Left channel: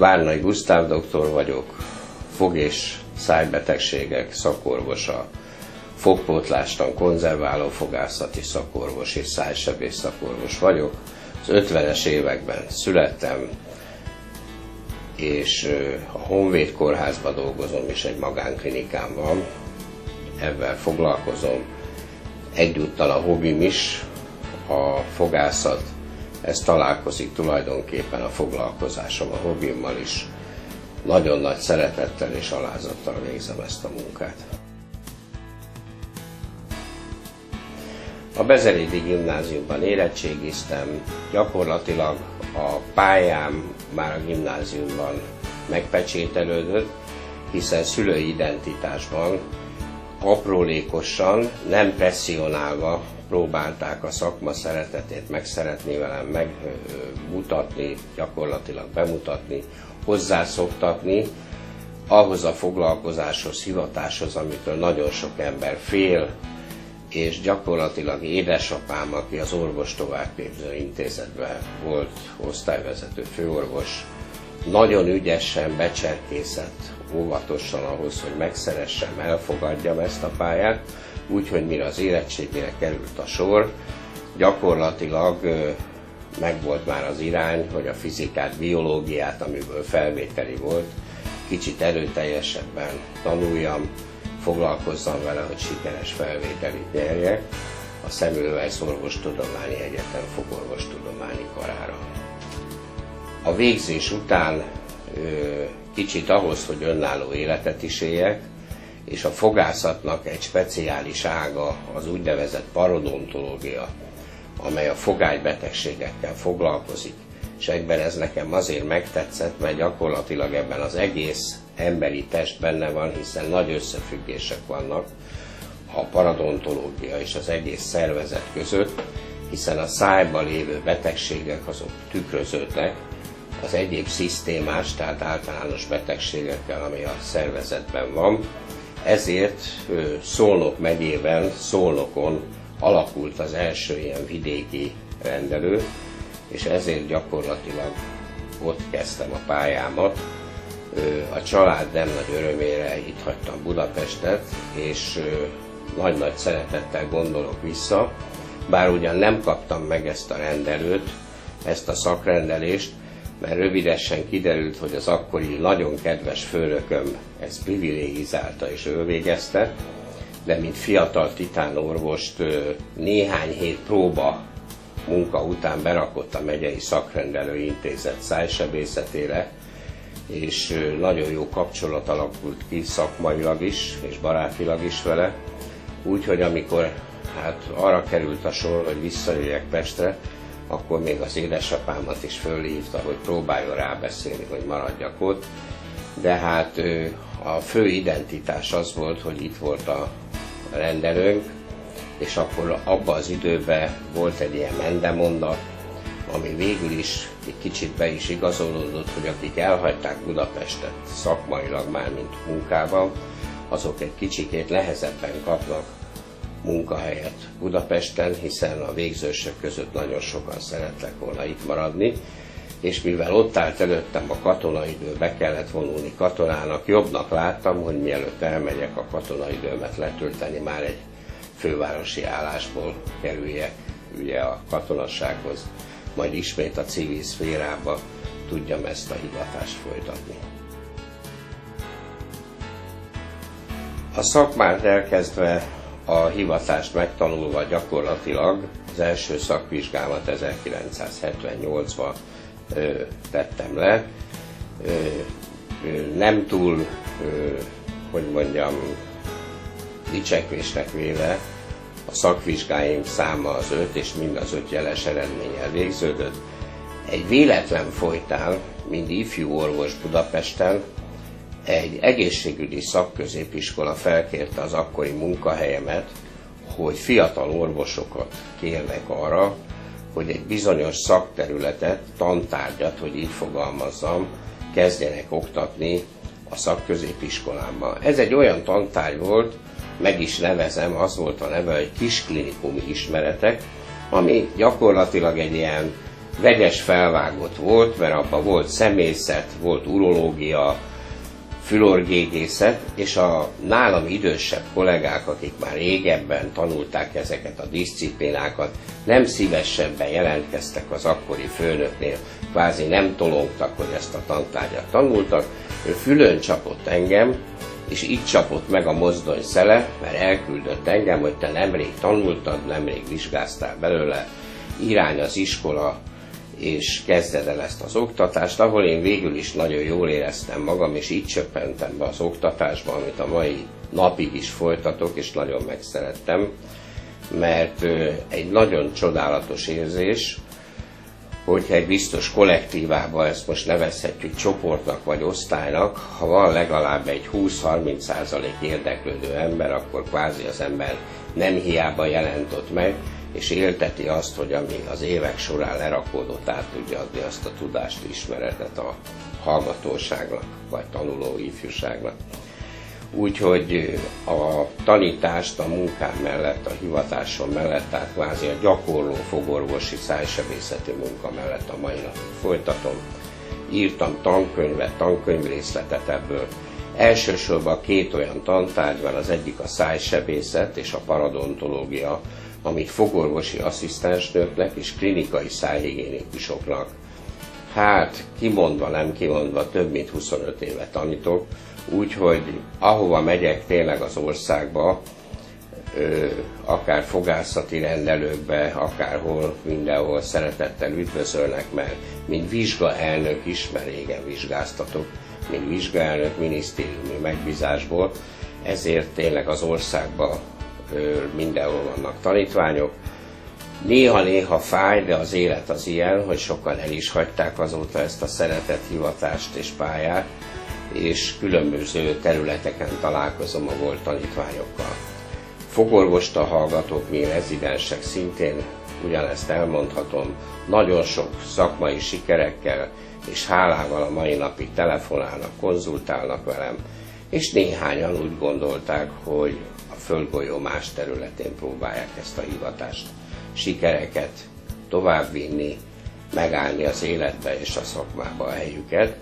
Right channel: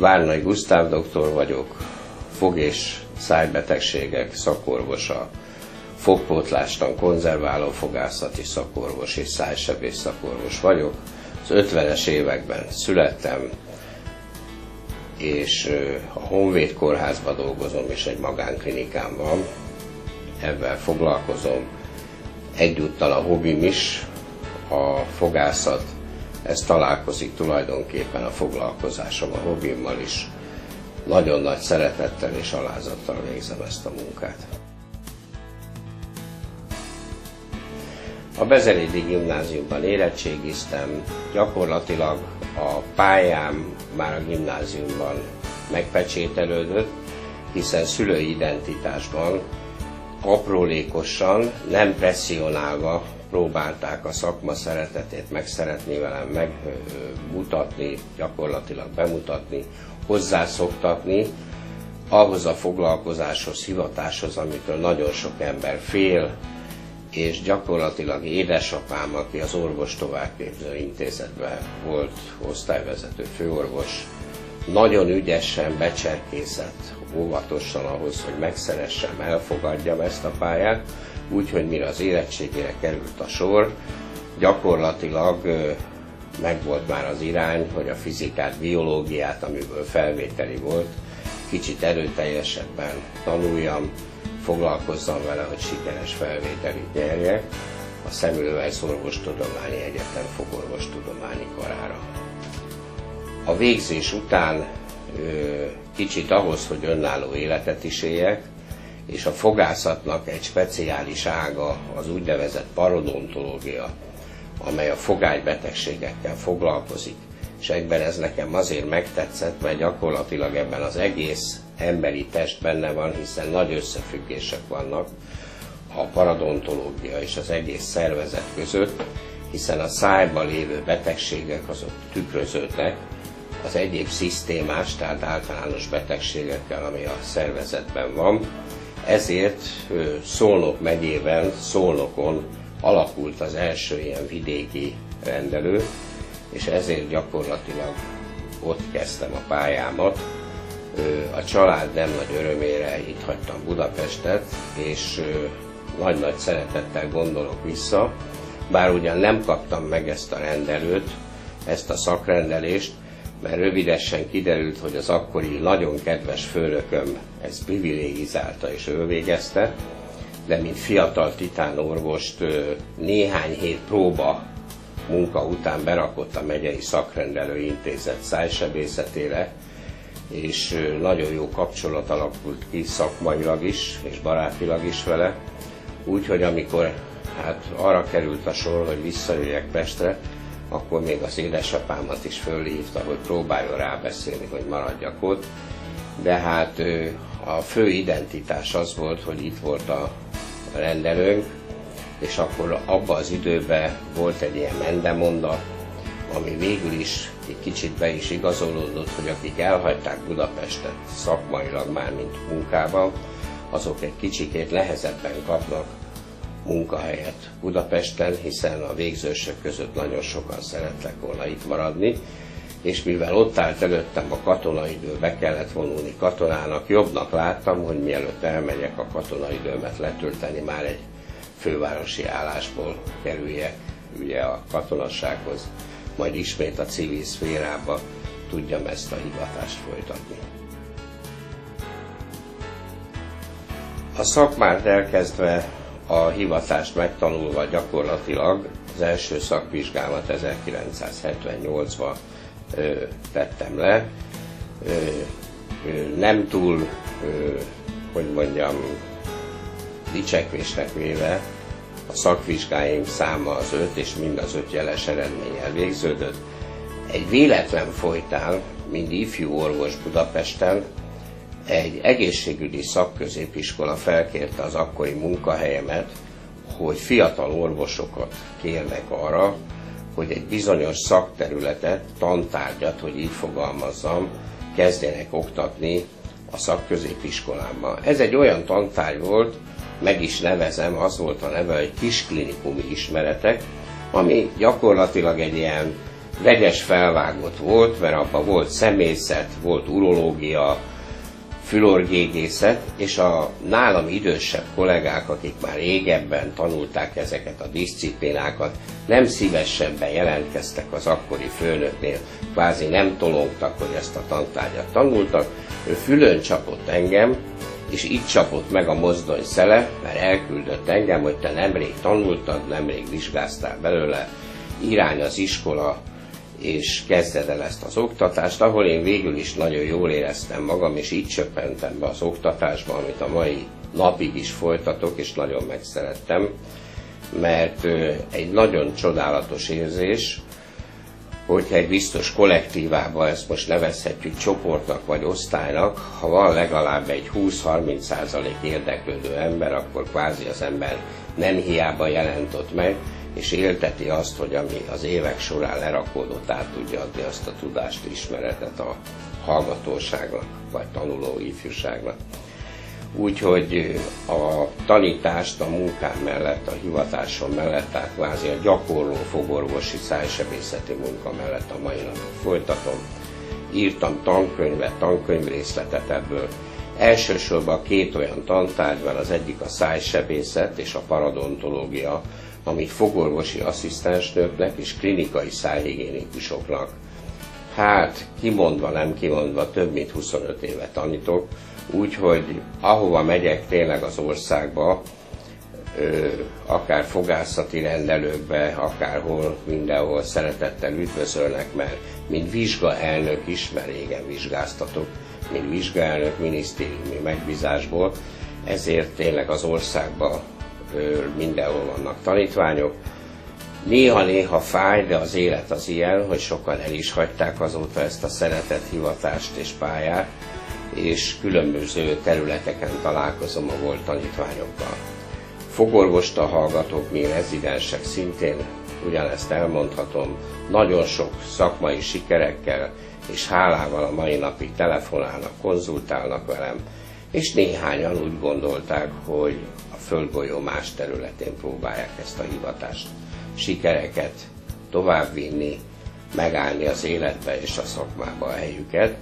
Várnai Gusztáv doktor vagyok, fog- és szájbetegségek szakorvosa, fogpótlástan konzerváló fogászati szakorvos és szájsebész szakorvos vagyok. Az 50-es években születtem, és a Honvéd kórházban dolgozom, és egy magánklinikám van. Ebben foglalkozom. Egyúttal a hobbim is, a fogászat. Ez találkozik tulajdonképpen a foglalkozásom a hobbimmal is. Nagyon nagy szeretettel és alázattal végzem ezt a munkát. A Bezelédi Gimnáziumban érettségiztem, gyakorlatilag a pályám már a gimnáziumban megpecsételődött, hiszen szülői identitásban aprólékosan, nem presszionálva próbálták a szakma szeretetét megszeretni velem, megmutatni, gyakorlatilag bemutatni, hozzászoktatni ahhoz a foglalkozáshoz, hivatáshoz, amitől nagyon sok ember fél, és gyakorlatilag édesapám, aki az orvos továbbképző intézetben volt osztályvezető főorvos, nagyon ügyesen becserkészett óvatosan ahhoz, hogy megszeressem, elfogadjam ezt a pályát, úgyhogy mire az érettségére került a sor, gyakorlatilag megvolt már az irány, hogy a fizikát, biológiát, amiből felvételi volt, kicsit erőteljesebben tanuljam, foglalkozzam vele, hogy sikeres felvételit nyerjek a Semmelweis Orvostudományi Egyetem fogorvostudományi karára. A végzés után kicsit ahhoz, hogy önálló életet is éljek, és a fogászatnak egy speciális ága az úgynevezett parodontológia, amely a fogálybetegségekkel foglalkozik, és egyben ez nekem azért megtetszett, mert gyakorlatilag ebben az egész emberi test benne van, hiszen nagy összefüggések vannak a parodontológia és az egész szervezet között, hiszen a szájban lévő betegségek azok tükröződnek az egyéb szisztémás, tehát általános betegségekkel, ami a szervezetben van. Ezért Szolnok megyében, Szolnokon alakult az első ilyen vidéki rendelő, és ezért gyakorlatilag ott kezdtem a pályámat. A család nem nagy örömére itt hagytam Budapestet, és nagy-nagy szeretettel gondolok vissza, bár ugyan nem kaptam meg ezt a rendelőt, ezt a szakrendelést, mert rövidesen kiderült, hogy az akkori nagyon kedves főnököm ezt privilegizálta és ő végezte, de mint fiatal titánorvost néhány hét próba munka után berakott a megyei szakrendelő intézet szájsebészetére, és nagyon jó kapcsolat alakult ki szakmailag is, és barátilag is vele. Úgyhogy amikor arra került a sor, hogy visszajöjjek Pestre, akkor még az édesapámat is fölhívta, hogy próbáljon rábeszélni, hogy maradjak ott. De hát a fő identitás az volt, hogy itt volt a rendelőnk, és akkor abban az időben volt egy ilyen mendemondat, ami végül is egy kicsit be is igazolódott, hogy akik elhagyták Budapestet szakmailag már, mint munkában, azok egy kicsikét nehezebben kapnak munkahelyet Budapesten, hiszen a végzősök között nagyon sokan szerettek volna itt maradni, és mivel ott állt előttem a katonaidő, be kellett vonulni katonának, jobbnak láttam, hogy mielőtt elmegyek a katonaidőmet letölteni, már egy fővárosi állásból kerüljek ugye a katonassághoz, majd ismét a civil szférába tudjam ezt a hivatást folytatni. A szakmát elkezdve, a hivatást megtanulva gyakorlatilag az első szakvizsgámat 1978-ban tettem le. Nem túl, hogy mondjam, dicsekvésnek véve, a szakvizsgáim száma az 5, és mind az 5 jeles eredménnyel végződött. Egy véletlen folytán, mint ifjú orvos Budapesten, egy egészségügyi szakközépiskola felkérte az akkori munkahelyemet, hogy fiatal orvosokat kérnek arra, hogy egy bizonyos szakterületet, tantárgyat, hogy így fogalmazzam, kezdjenek oktatni a szakközépiskolámban. Ez egy olyan tantárgy volt, meg is nevezem, az volt a neve, hogy kisklinikumi ismeretek, ami gyakorlatilag egy ilyen vegyes felvágott volt, mert abban volt szemészet, volt urológia, fülorgégészet, és a nálam idősebb kollégák, akik már régebben tanulták ezeket a diszciplinákat, nem szívesen jelentkeztek az akkori főnöknél, kvázi nem tologtak, hogy ezt a tantárgyat tanultak, ő fülön csapott engem, és így csapott meg a mozdony szele, mert elküldött engem, hogy te nemrég tanultad, nemrég vizsgáztál belőle, irány az iskola, és kezded el ezt az oktatást, ahol én végül is nagyon jól éreztem magam, és így csöppentem be az oktatásba, amit a mai napig is folytatok, és nagyon megszerettem, mert egy nagyon csodálatos érzés, hogyha egy biztos kollektívában, ezt most nevezhetjük csoportnak vagy osztálynak, ha van legalább egy 20-30% érdeklődő ember, akkor kvázi az ember nem hiába jelent ott meg, és élteti azt, hogy ami az évek során lerakódott, át tudja adni azt a tudást, ismeretet a hallgatóságnak, vagy tanuló ifjúságnak. Úgyhogy a tanítást a munkám mellett, a hivatásom mellett, tehát kvázi a gyakorló fogorvosi szájsebészeti munka mellett a mai napot folytatom. Írtam tankönyvet, tankönyvrészletet ebből. Elsősorban két olyan tantárgy van, az egyik a szájsebészet és a paradontológia, amit fogorvosi asszisztensnőknek és klinikai szájhigiénikusoknak, hát kimondva, nem kimondva, több mint 25 éve tanítok, úgyhogy ahova megyek tényleg az országba, akár fogászati rendelőkbe, akárhol, mindenhol szeretettel üdvözölnek, mert mint vizsgaelnök is, mert régen vizsgáztatok, mint vizsgaelnök minisztériumi megbízásból, ezért tényleg az országban mindenhol vannak tanítványok. Néha-néha fáj, de az élet az ilyen, hogy sokan el is hagyták azóta ezt a szeretett hivatást és pályát, és különböző területeken találkozom a volt tanítványokkal. Fogorvosta hallgatók, mi rezidensek szintén ugyanezt elmondhatom, nagyon sok szakmai sikerekkel és hálával a mai napig telefonálnak, konzultálnak velem, és néhányan úgy gondolták, hogy a földgolyó más területén próbálják ezt a hivatást, sikereket továbbvinni, megállni az életbe és a szakmába a helyüket,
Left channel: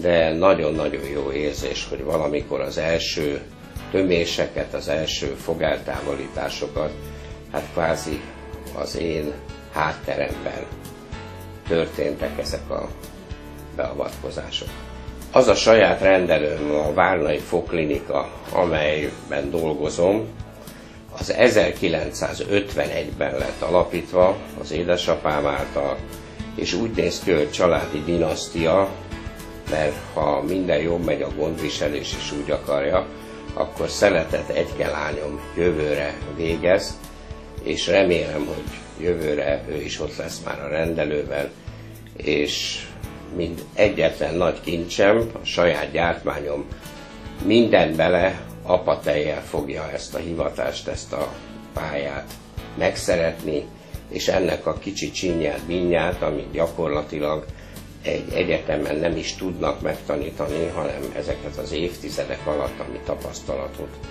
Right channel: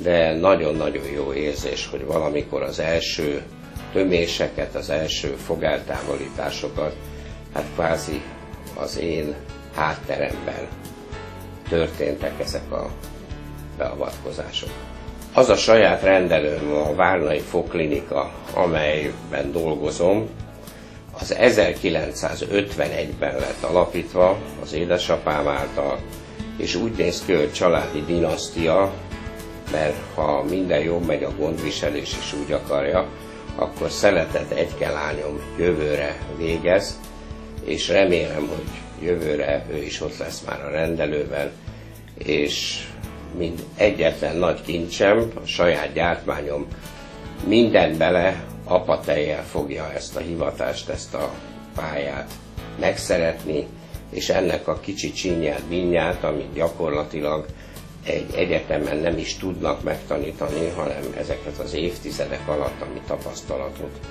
de nagyon-nagyon jó érzés, hogy valamikor az első töméseket, az első fogáltávolításokat, hát kvázi az én hátteremben történtek ezek a beavatkozások. Az a saját rendelőm, a Várnai Fogklinika, amelyben dolgozom, az 1951-ben lett alapítva az édesapám által, és úgy néz ki, hogy családi dinasztia, mert ha minden jól megy, a gondviselés is úgy akarja, akkor szeretett egyke lányom jövőre végez, és remélem, hogy jövőre ő is ott lesz már a rendelőben, és mint egyetlen nagy kincsem, a saját gyártmányom mindent bele, apatejjel fogja ezt a hivatást, ezt a pályát megszeretni, és ennek a kicsi csinyát, bínyát, amit gyakorlatilag egy egyetemen nem is tudnak megtanítani, hanem ezeket az évtizedek alatt, ami tapasztalatot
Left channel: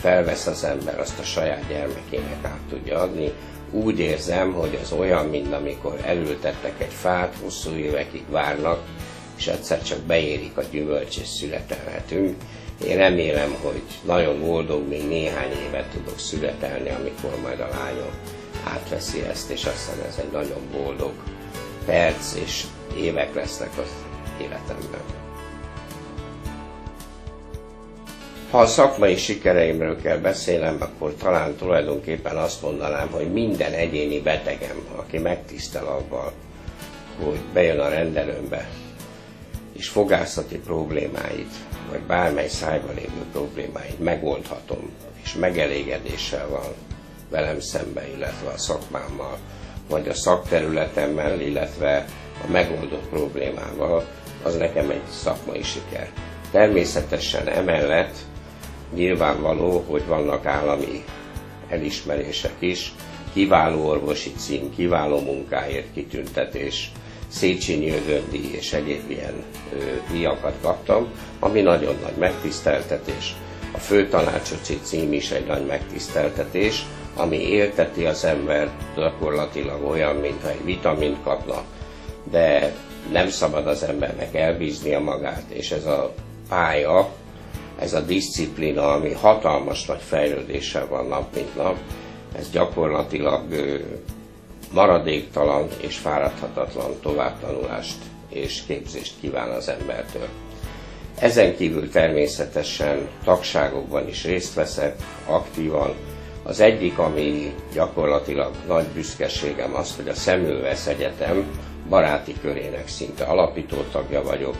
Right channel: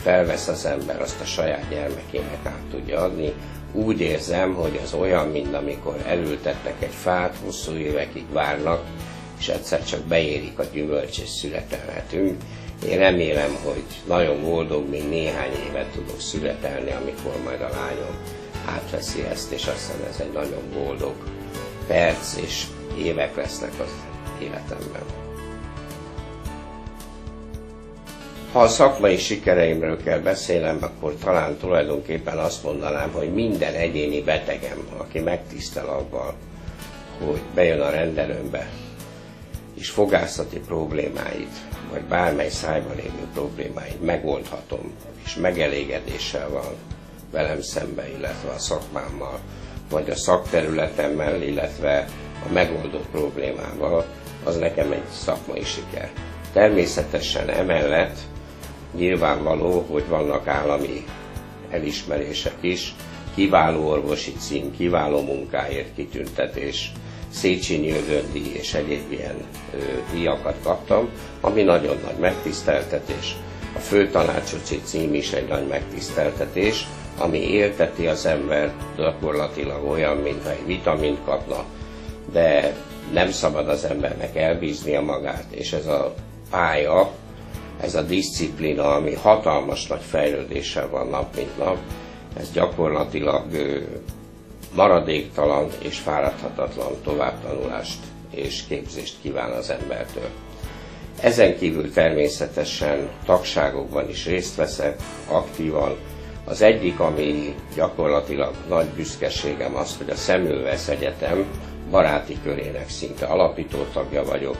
felvesz az ember, azt a saját gyermekének át tudja adni. Úgy érzem, hogy ez olyan, mint amikor elültetnek egy fát, hosszú évekig várnak, és egyszer csak beérik a gyümölcs, és születelhetünk. Én remélem, hogy nagyon boldog, még néhány évet tudok születelni, amikor majd a lányom átveszi ezt, és azt hiszem, ez egy nagyon boldog perc és évek lesznek az életemben. Ha a szakmai sikereimről kell beszélnem, akkor talán tulajdonképpen azt mondanám, hogy minden egyéni betegem, aki megtisztel avval, hogy bejön a rendelőmbe, és fogászati problémáit, vagy bármely szájban lévő problémáit megoldhatom, és megelégedéssel van velem szembe, illetve a szakmámmal, vagy a szakterületemmel, illetve a megoldott problémával, az nekem egy szakmai siker. Természetesen emellett nyilvánvaló, hogy vannak állami elismerések is, kiváló orvosi cím, kiváló munkáért kitüntetés, Széchenyi Ödön-díj és egyéb ilyen díjakat kaptam, ami nagyon nagy megtiszteltetés. A főtanácsosi cím is egy nagy megtiszteltetés, ami élteti az ember, gyakorlatilag olyan, mintha egy vitamint kapna, de nem szabad az embernek elbíznia magát, és ez a pálya, ez a diszciplína, ami hatalmas nagy fejlődéssel van nap mint nap, ez gyakorlatilag maradéktalan és fáradhatatlan továbbtanulást és képzést kíván az embertől. Ezen kívül természetesen tagságokban is részt veszek aktívan. Az egyik, ami gyakorlatilag nagy büszkeségem az, hogy a Semmelweis Egyetem baráti körének szinte alapító tagja vagyok.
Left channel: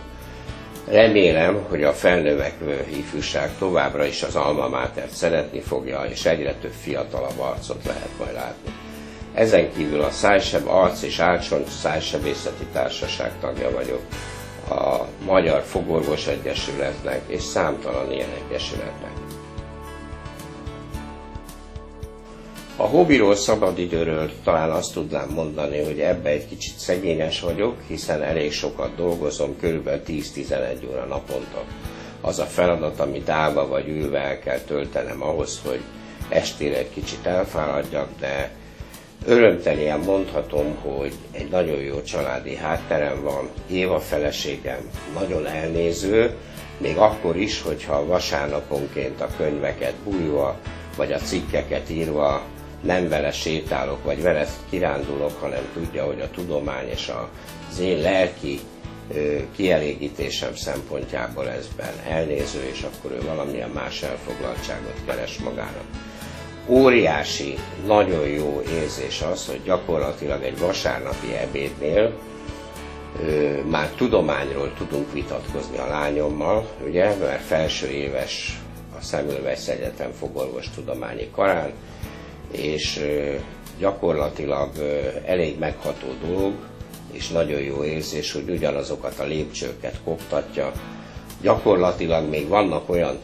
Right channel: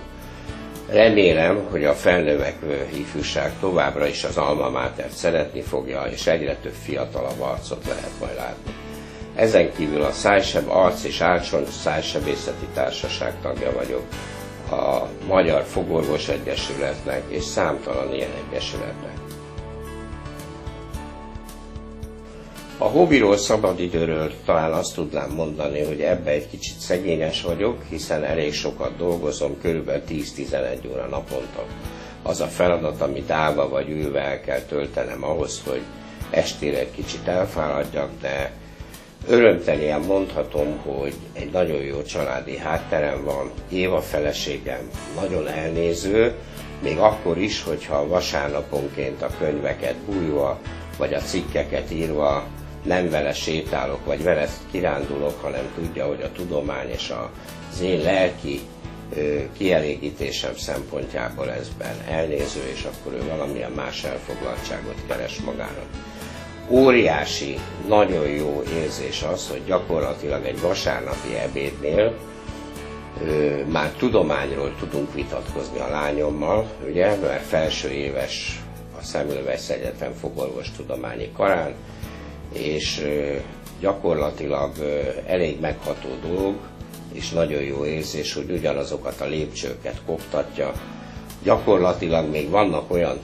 Remélem, hogy a felnövekvő ifjúság továbbra is az Alma Matert szeretni fogja, és egyre több fiatalabb arcot lehet majd látni. Ezen kívül a Szájseb Arc és Árcsont Szájsebészeti Társaság tagja vagyok, a Magyar Fogorvos Egyesületnek és számtalan ilyen egyesületnek. A hobbiról, szabadidőről talán azt tudnám mondani, hogy ebben egy kicsit szegényes vagyok, hiszen elég sokat dolgozom, kb. 10-11 óra naponta. Az a feladat, amit állva vagy ülve el kell töltenem ahhoz, hogy estére egy kicsit elfáradjak, de örömteljen mondhatom, hogy egy nagyon jó családi hátterem van. Éva feleségem nagyon elnéző, még akkor is, hogyha vasárnaponként a könyveket bújva, vagy a cikkeket írva nem vele sétálok, vagy vele kirándulok, hanem tudja, hogy a tudomány és az én lelki kielégítésem szempontjából ezben elnéző, és akkor ő valamilyen más elfoglaltságot keres magának. Óriási, nagyon jó érzés az, hogy gyakorlatilag egy vasárnapi ebédnél már tudományról tudunk vitatkozni a lányommal, ugye, mert felső éves a Semmelweis Egyetem fogorvostudományi karán, és gyakorlatilag elég megható dolog, és nagyon jó érzés, hogy ugyanazokat a lépcsőket koptatja. Gyakorlatilag még vannak olyan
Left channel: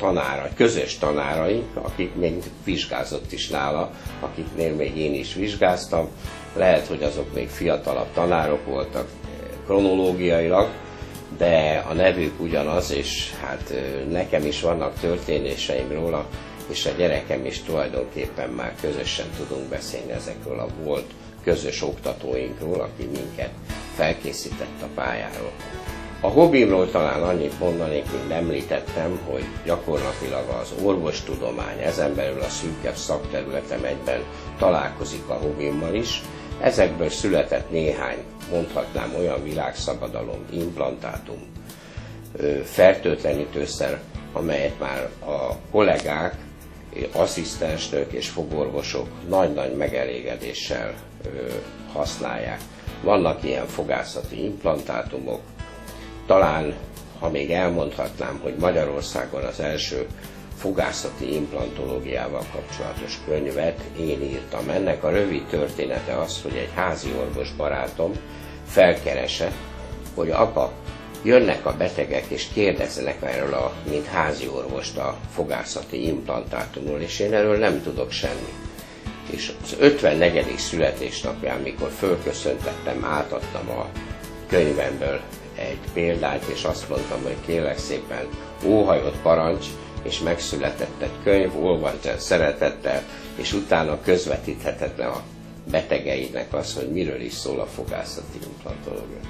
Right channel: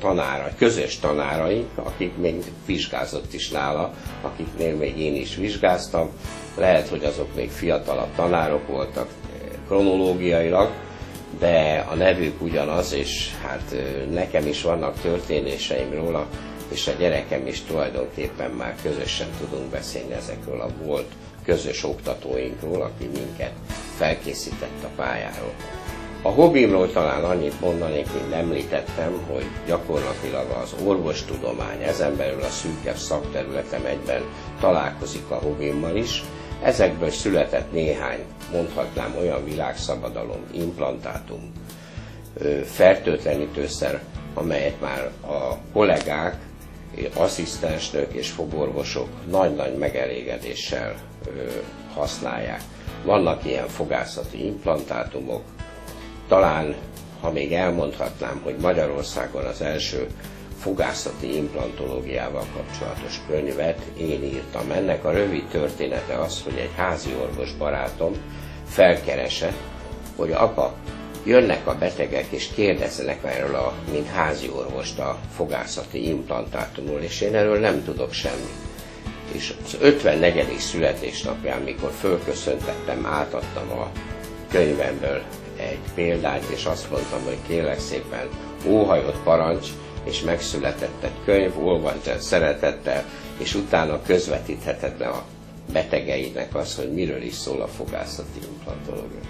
közös tanáraink, akik még vizsgázott is nála, akiknél még én is vizsgáztam. Lehet, hogy azok még fiatalabb tanárok voltak kronológiailag, de a nevük ugyanaz, és hát nekem is vannak történéseim róla, és a gyerekem is tulajdonképpen már közösen tudunk beszélni ezekről a volt közös oktatóinkról, aki minket felkészített a pályáról. A hobbimról talán annyit mondanék, hogy említettem, hogy gyakorlatilag az orvostudomány, ezen belül a szűkebb szakterületem egyben találkozik a hobbimmal is. Ezekből született néhány, mondhatnám, olyan világszabadalom, implantátum, fertőtlenítőszer, amelyet már a kollégák, asszisztensnők és fogorvosok nagy-nagy megelégedéssel használják. Vannak ilyen fogászati implantátumok, talán, ha még elmondhatnám, hogy Magyarországon az első fogászati implantológiával kapcsolatos könyvet én írtam. Ennek a rövid története az, hogy egy házi orvos barátom felkeresett, hogy apa, jönnek a betegek és kérdeznek erről mint házi orvost a fogászati implantátumról, és én erről nem tudok semmit. És az 54. születésnapján, mikor fölköszöntettem, átadtam a könyvemből egy példát, és azt mondtam, hogy kérlek szépen, óhajott parancs, és megszületett egy könyv, olvasd el szeretettel, és utána közvetítheted le a betegeinek azt, hogy miről is szól a fogászati implantológia.